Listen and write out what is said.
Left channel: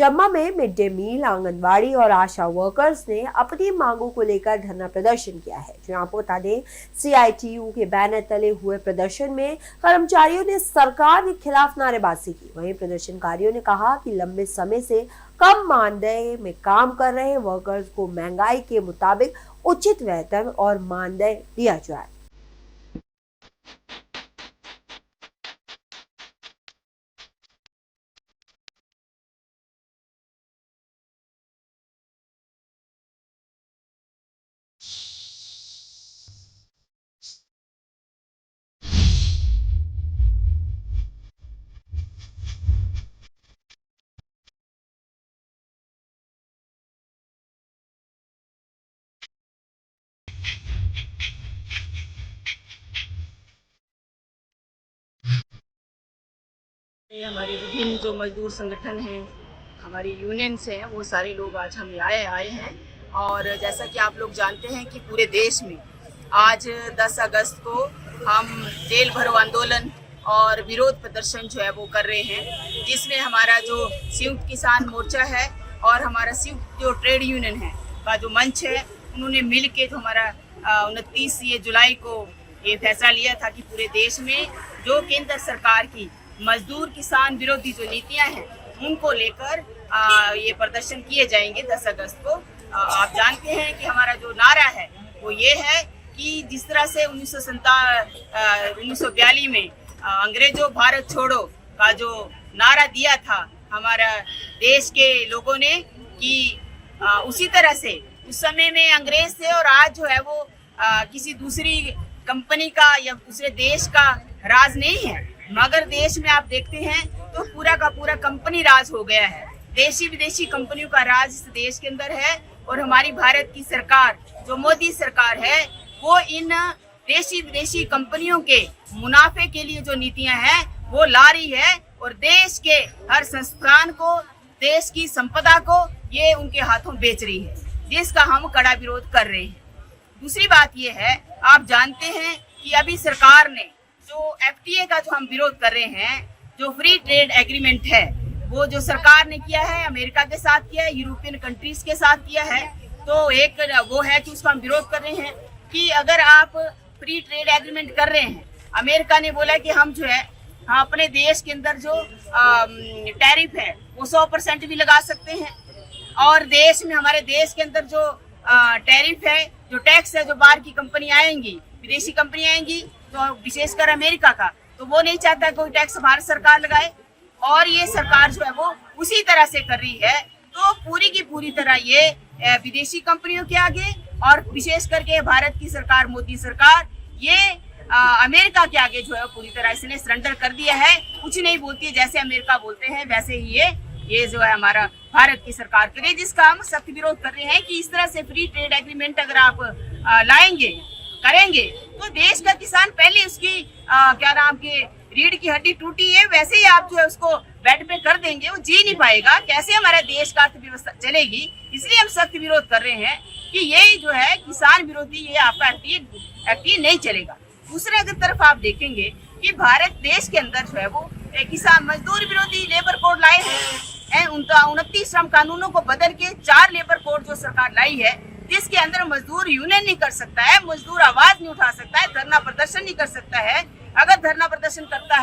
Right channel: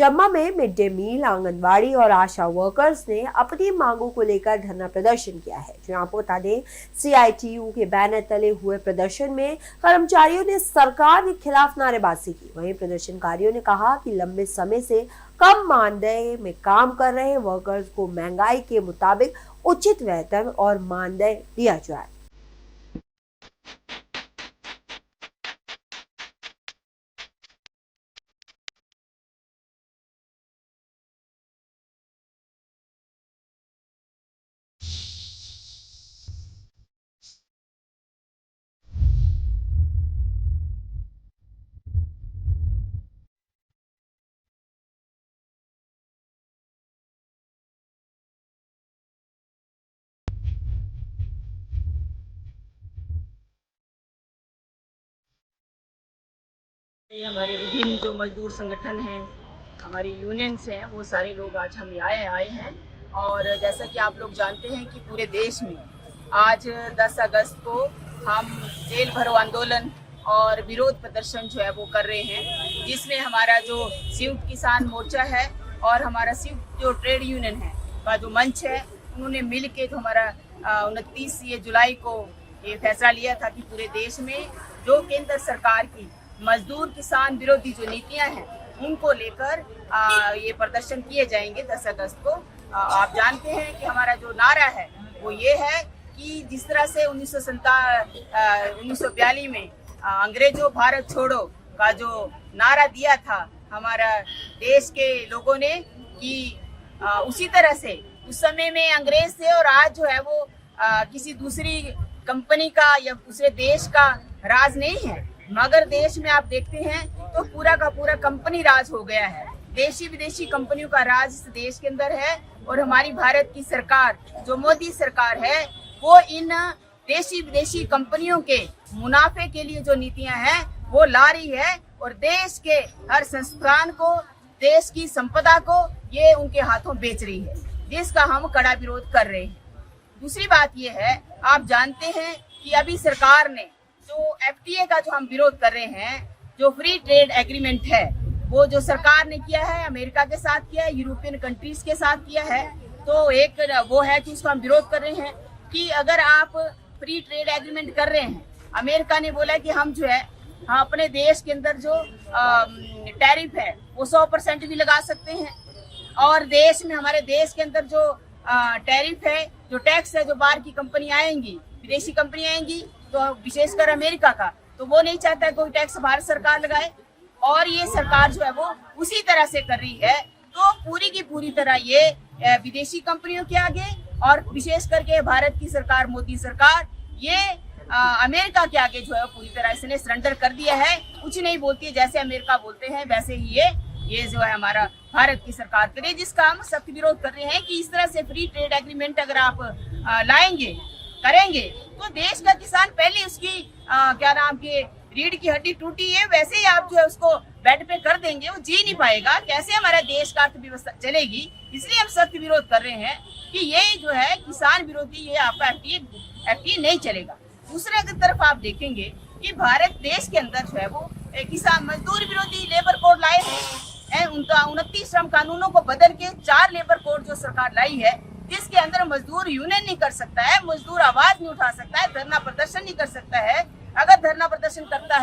चंबा में mid day meal, anganwadi और आशा workers ने अपनी मांगों को लेकर धरना प्रदर्शन किया है। जो आपको बता दें, CITU के बैनर तले हुए प्रदर्शन में कर्मचारियों ने सरकार के खिलाफ नारेबाजी की। वहीं प्रदर्शनकारियों ने कहा कि लंबे समय से कम मानदेय में काम कर रहे वर्कर्स को महंगाई के मुताबिक उचित वेतन और मानदेय दिया जाए। ये हमारे विभिन्न जो मजदूर संगठन हैं, हमारी यूनियंस हैं, वो सारे लोग आज हम आए हैं। और जैसा कि आप लोग जानते हैं कि पूरे देश में आज 10 अगस्त को हम जेल भरो आंदोलन और विरोध प्रदर्शन जो है वो कर रहे हैं, जिसमें हमारा जो संयुक्त किसान मोर्चा है और हमारा संयुक्त जो ट्रेड यूनियन है का जो मंच है, उन्होंने मिल के जो हमारा 29 जुलाई को ये फैसला लिया था कि पूरे देश में जो केंद्र सरकार की मजदूर किसान विरोधी जो नीतियां हैं, उनको लेकर ये प्रदर्शन किए जाएंगे 10 अगस्त को। आप जानते हैं कि हमारा जो नारा है वो ये है कि जिस तरह से 1942 में अंग्रेजों भारत छोड़ो का जो नारा दिया था हमारा देश के लोगों ने, कि उसी तरह से उस समय में अंग्रेज थे और आज जो है वो किसी दूसरी कंपनी का या दूसरे देश का राज नहीं है, मगर देश में आप देखते हैं तो पूरा का पूरा कंपनी राज हो गया है। देशी विदेशी कंपनियों का राज इस देश के अंदर है और हमारी भारत की सरकार जो मोदी सरकार है वो इन देशी विदेशी कंपनियों के मुनाफे के लिए जो नीतियां हैं वो ला रही है और देश के हर संस्थान को, देश की संपदा को ये उनके हाथों बेच रही है, जिसका हम कड़ा विरोध कर रहे हैं। दूसरी बात ये है, आप जानते हैं कि अभी सरकार ने जो FTA का जो हम विरोध कर रहे हैं, जो फ्री ट्रेड एग्रीमेंट है, वो जो सरकार ने किया है अमेरिका के साथ किया है, यूरोपियन कंट्रीज के साथ किया है, तो एक वो है कि उसका हम विरोध कर रहे हैं कि अगर आप फ्री ट्रेड एग्रीमेंट कर रहे हैं, अमेरिका ने बोला कि हम जो है अपने देश के अंदर जो टैरिफ है वो 100% भी लगा सकते हैं, और देश में हमारे देश के अंदर जो टैरिफ है, जो टैक्स है, जो बाहर की कंपनी आएंगी, विदेशी कंपनी आएंगी, तो विशेषकर अमेरिका का, तो वो नहीं चाहता कोई टैक्स भारत सरकार लगाए, और ये सरकार जो है वो उसी तरह से कर रही है। तो पूरी की पूरी तरह ये विदेशी कंपनियों के आगे और विशेष करके भारत की सरकार, मोदी सरकार, ये अमेरिका के आगे जो है पूरी तरह इसने सरेंडर कर दिया है। कुछ नहीं बोलती है, जैसे अमेरिका बोलते हैं वैसे ही ये जो है हमारा भारत की सरकार करे, जिसका हम सख्त विरोध कर रहे हैं कि इस तरह से फ्री ट्रेड एग्रीमेंट अगर आप लाएंगे, करेंगे, तो देश का किसान पहले उसकी क्या नाम के रीढ़ की हड्डी टूटी है, वैसे ही आप जो है उसको बेड पे कर देंगे, वो जी नहीं पाएगा, कैसे हमारा देश का अर्थव्यवस्था चलेगी। इसलिए हम सख्त विरोध कर रहे हैं कि ये जो है किसान विरोधी, ये आपका FTA नहीं चलेगा। दूसरे अगर तरफ आप देखेंगे कि भारत देश के अंदर जो है वो किसान मजदूर विरोधी लेबर कोड लाए हैं, 29 श्रम कानूनों को बदल के 4 लेबर कोड जो सरकार लाई है, जिसके अंदर मजदूर यूनियन नहीं कर सकता है, मजदूर आवाज नहीं उठा सकता है, धरना प्रदर्शन नहीं कर सकता है। अगर धरना प्रदर्शन करता है